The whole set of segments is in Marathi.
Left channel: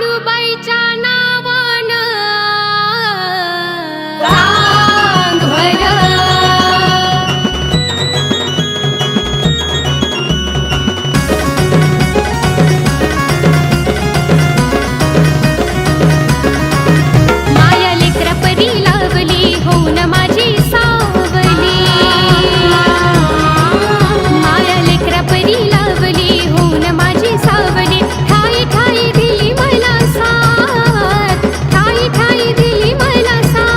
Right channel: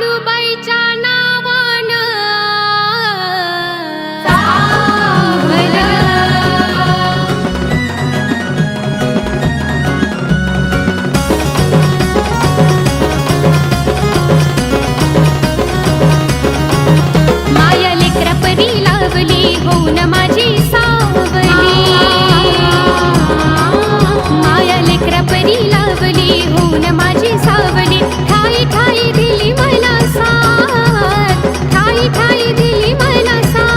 काळूबाईच्या नावानं माया लेकरा परी लावली होऊन माझी सावली माया लेकरा परी लावली होऊन माझी सावली ठाई ठाई दिली मला साथ ठाई ठाई दिली मला साथ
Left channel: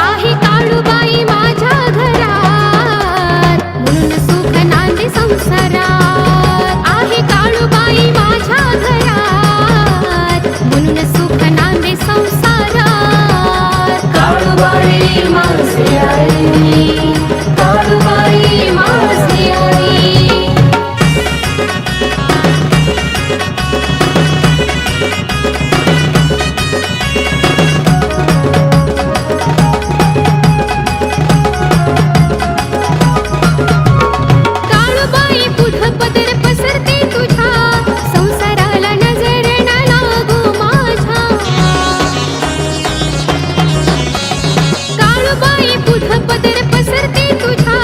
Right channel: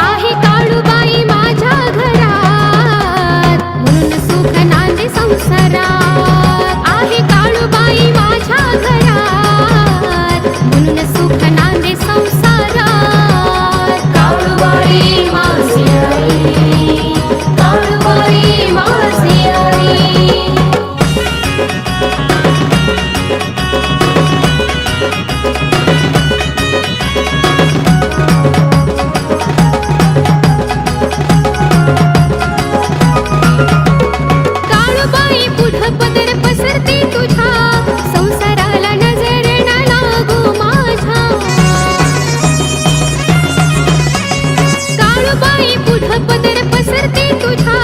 आहे काळूबाई माझ्या घरात म्हणून सुख नांदे संसारात आहे काळूबाई माझ्या घरात म्हणून सुख नांदे संसारात काळूबाई माझी आई काळूबाई माझी आई काळूबाई पुढं पदर पसरते तुझ्या संसाराला नजर न लागू माझ्या काळूबाई पुढं पदर पसरते तुझ्या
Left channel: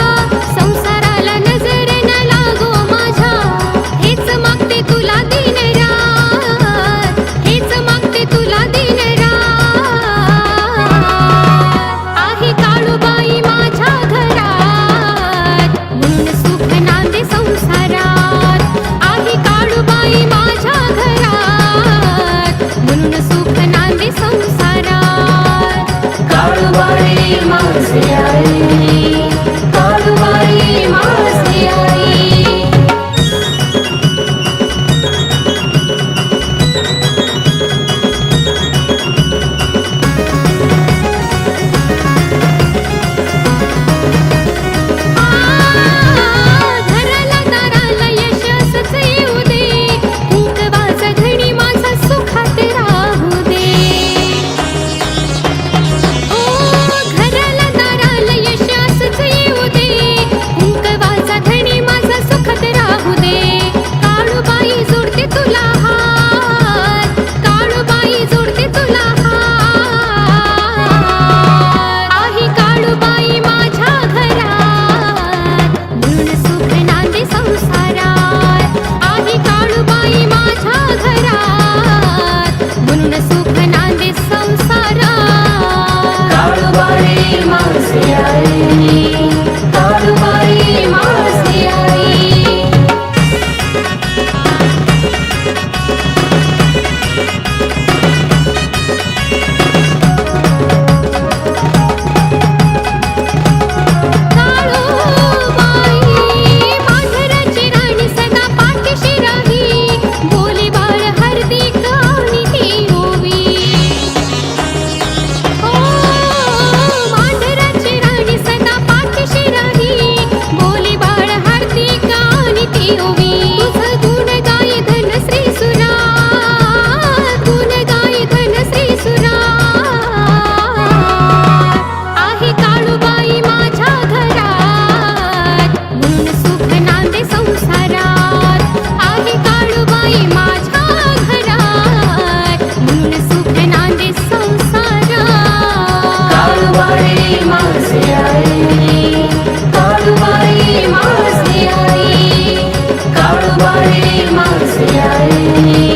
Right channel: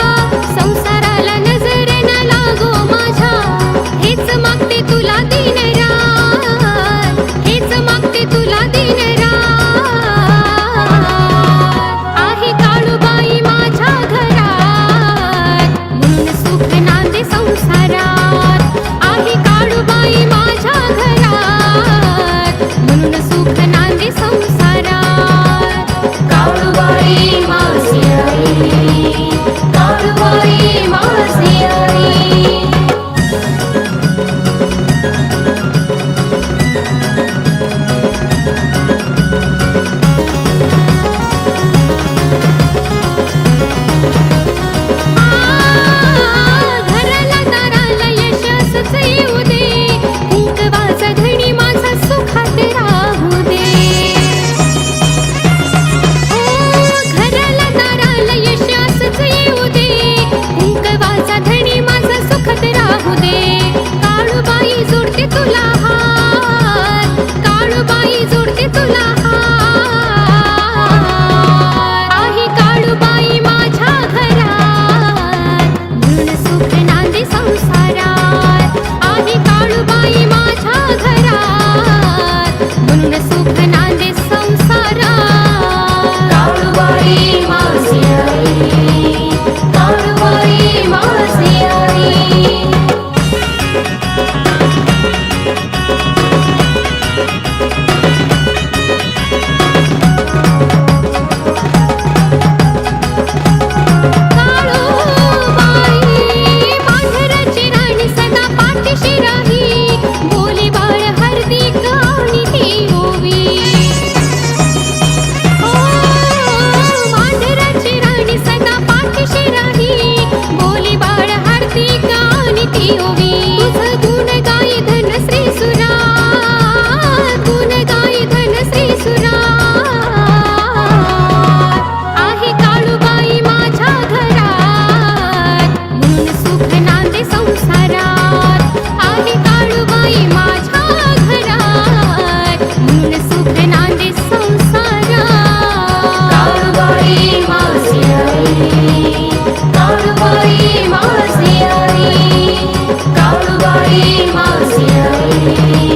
संसाराला नजर न लागू माझ्या हेच मागते तुला दिन रात हेच मागते तुला दिन रात आहे काळूबाई माझ्या घरात म्हणून सुख नांदे संसारात आहे काळूबाई माझ्या घरात म्हणून सुख नांदे संसारात काळूबाई माझी आई काळूबाई माझी आई घराला दाराला यश असंच येऊ दे कुंकवाचा धणी माझा सुखात राहू दे ओ घराला दाराला यश असंच येऊ दे कुंकवाचा धणी माझा सुखात राहू दे काळूबाई जोडते तुला हात काळूबाई जोडते तुला हात आहे काळूबाई माझ्या घरात म्हणून सुख नांदे संसारात आहे काळूबाई माझ्या घरात म्हणून सुख नांदे संसारात काळूबाई माझी आई काळूबाई माझी आई काळूबाई मांढराची राणी सदा पाठीशी राही बोली बाळ हार्दिक आणि ती ओवी ओ मांढराची राणी सदा पाठीशी राही बोली बाळ हार्दिक आणि ती ओवी तुझं गुण गाई धन श्री सुरात गुण गाई धन श्री सुरात आहे काळूबाई माझ्या घरात म्हणून सुख नांदे संसारात आहे काळूबाई माझ्या घरात म्हणून सुख नांदे संसारात काळूबाई माझी आई काळूबाई माझी आई काळूबाई माझी आई